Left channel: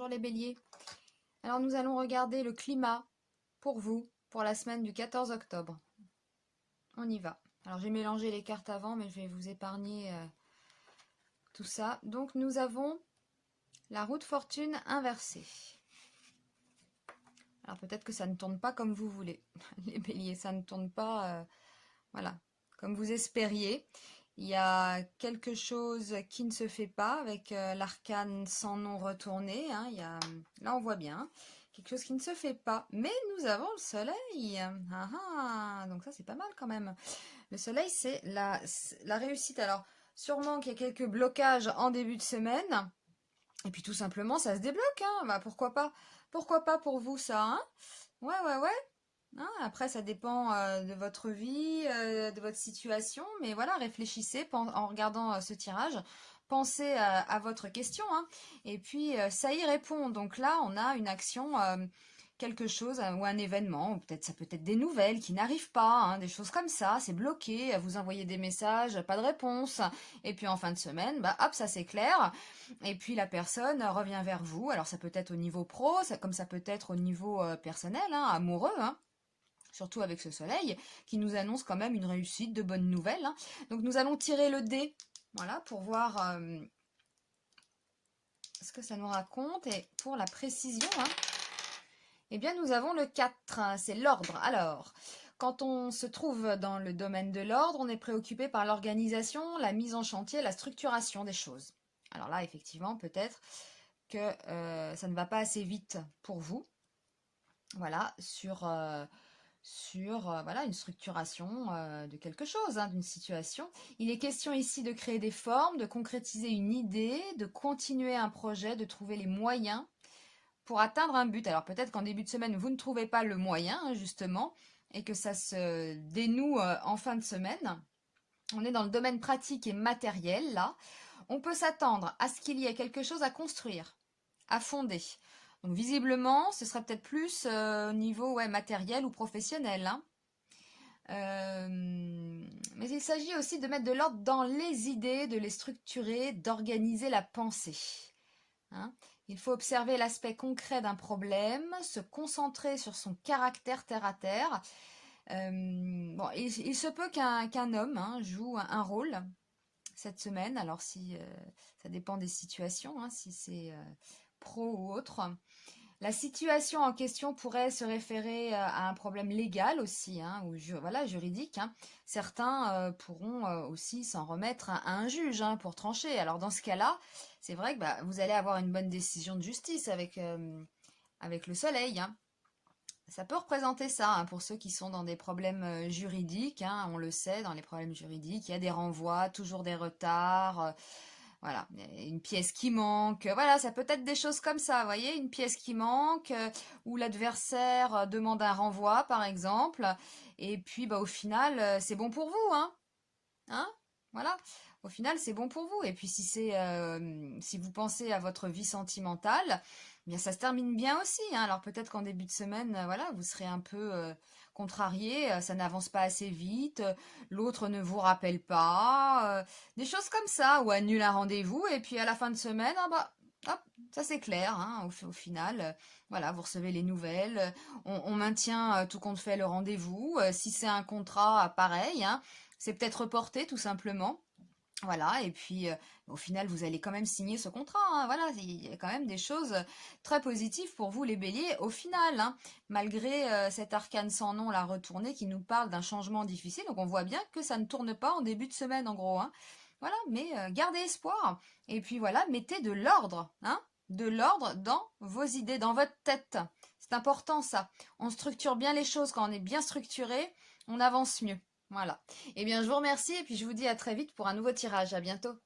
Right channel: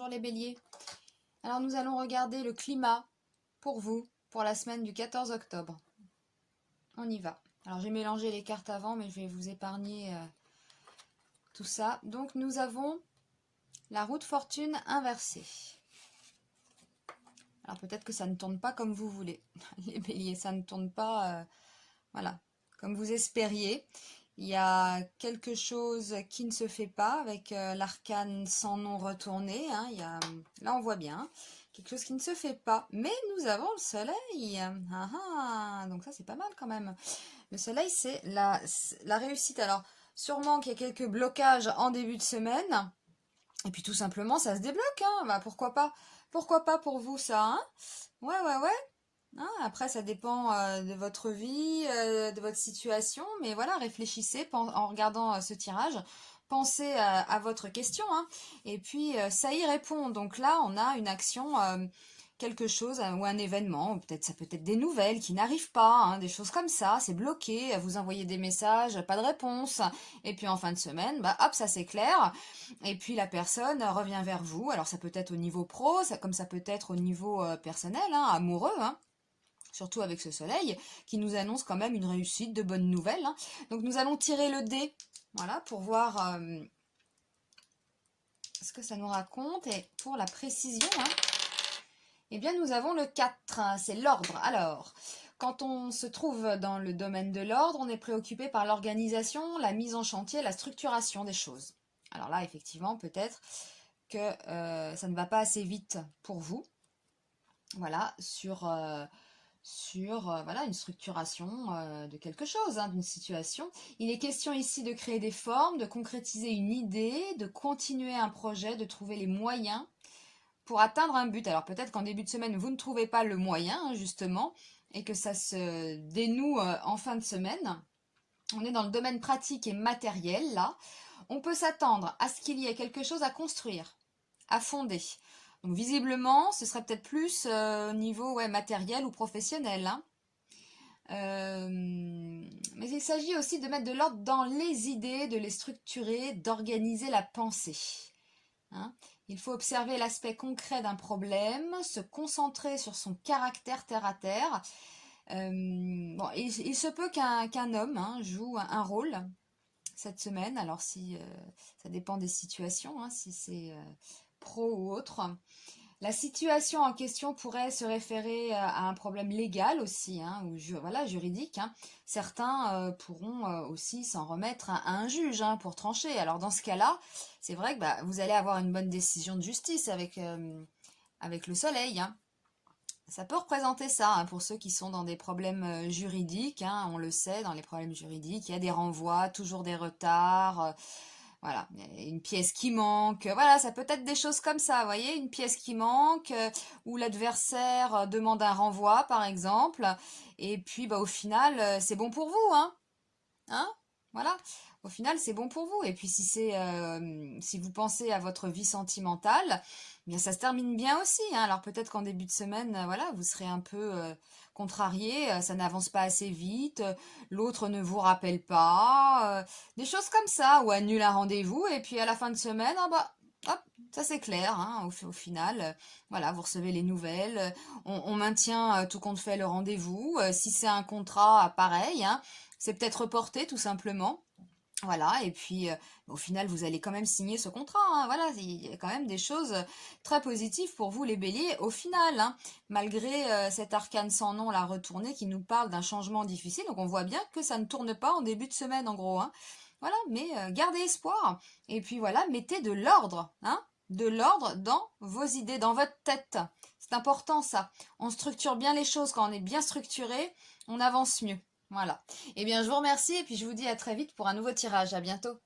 Bonjour les béliers. Alors nous allons regarder le climat pour vous, pour la semaine du 14 octobre. On y va. Alors j'ai mélangé les cartes avant, mais je vais vous épargner tout ça. Donc nous avons la roue de fortune inversée. Alors peut-être que ça ne tourne pas comme vous voulez. Les béliers, ça ne tourne pas voilà, comme vous espériez. Il y a quelque chose qui ne se fait pas avec l'arcane sans nom retourné. Hein. Là, on voit bien quelque chose qui ne se fait pas. Mais nous avons le soleil. Donc ça, c'est pas mal quand même. Le soleil, c'est la réussite. Alors, sûrement qu'il y a quelques blocages en début de semaine. Et puis tout simplement, ça se débloque. Hein. Bah, pourquoi pas? Pourquoi pas pour vous, ça, hein? Ouais. Hein, après, ça dépend de votre vie, de votre situation, mais voilà, réfléchissez en regardant ce tirage, pensez à votre question, hein, et puis ça y répond. Donc là, on a une action, quelque chose, ou un événement, ou peut-être ça peut être des nouvelles qui n'arrivent pas, hein, des choses comme ça, c'est bloqué, vous envoyez des messages, pas de réponse, et puis en fin de semaine, bah hop, ça s'éclaire, et puis la personne revient vers vous. Alors ça peut être au niveau pro, comme ça peut être au niveau personnel, hein, amoureux, hein. Surtout avec ce soleil, qui nous annonce quand même une réussite, de bonnes nouvelles. Hein. Donc nous allons tirer le dé, voilà, pour voir ce que ça nous raconte. Et pour la précision, hein, eh bien nous avons le 4, hein, c'est l'ordre. Alors, quand on se trouve dans le domaine de l'ordre, on est préoccupé par l'organisation, la mise en chantier, la structuration des choses. Alors là, effectivement, peut-être que ça ne va pas assez vite pour vous. Voilà, sur voilà, une structuration de quelque chose, hein, d'une situation. Il est question ici de créer des formes, de concrétiser une idée, de continuer un projet, de trouver les moyens pour atteindre un but. Alors peut-être qu'en début de semaine, vous ne trouvez pas le moyen, hein, justement, et que ça se dénoue en fin de semaine. On est dans le domaine pratique et matériel, là. On peut s'attendre à ce qu'il y ait quelque chose à construire, à fonder. Donc visiblement, ce serait peut-être plus au niveau matériel ou professionnel. Hein. Mais il s'agit aussi de mettre de l'ordre dans les idées, de les structurer, d'organiser la pensée. Hein. Il faut observer l'aspect concret d'un problème, se concentrer sur son caractère terre à terre. Bon, il se peut qu'un homme joue un rôle cette semaine. Alors si ça dépend des situations, hein, si c'est pro ou autre. La situation en question pourrait se référer à un problème légal aussi, hein, ou voilà, juridique. Hein. Certains pourront aussi s'en remettre à un juge pour trancher. Alors dans ce cas-là, c'est vrai que vous allez avoir une bonne décision de justice avec le soleil. Hein. Ça peut représenter ça hein, pour ceux qui sont dans des problèmes juridiques. Hein, on le sait, dans les problèmes juridiques, il y a des renvois, toujours des retards. Voilà, il y a une pièce qui manque. Voilà, ça peut être des choses comme ça, vous voyez, une pièce qui manque, ou l'adversaire demande un renvoi, par exemple. Et puis, au final, c'est bon pour vous, hein. Hein? Voilà. Au final, c'est bon pour vous. Et puis, si vous pensez à votre vie sentimentale, bien, ça se termine bien aussi. Hein. Alors, peut-être qu'en début de semaine, voilà, vous serez un peu contrarié, ça n'avance pas assez vite, l'autre ne vous rappelle pas, des choses comme ça, ou annule un rendez-vous. Et puis, à la fin de semaine, hop, ça c'est clair, hein, au final, voilà, vous recevez les nouvelles, on maintient tout compte fait le rendez-vous. Si c'est un contrat, pareil, hein, c'est peut-être reporté tout simplement. Voilà, et puis au final, vous allez quand même signer ce contrat. Hein, voilà, il y a quand même des choses très positives pour vous, les béliers, au final. Hein, malgré cet arcane sans nom, la retournée, qui nous parle d'un changement difficile. Donc on voit bien que ça ne tourne pas en début de semaine, en gros. Hein. Voilà, mais gardez espoir. Et puis voilà, mettez de l'ordre. Hein, de l'ordre dans vos idées, dans votre tête. C'est important, ça. On structure bien les choses. Quand on est bien structuré, on avance mieux. Voilà. Eh bien, je vous remercie et puis je vous dis à très vite pour un nouveau tirage. À bientôt.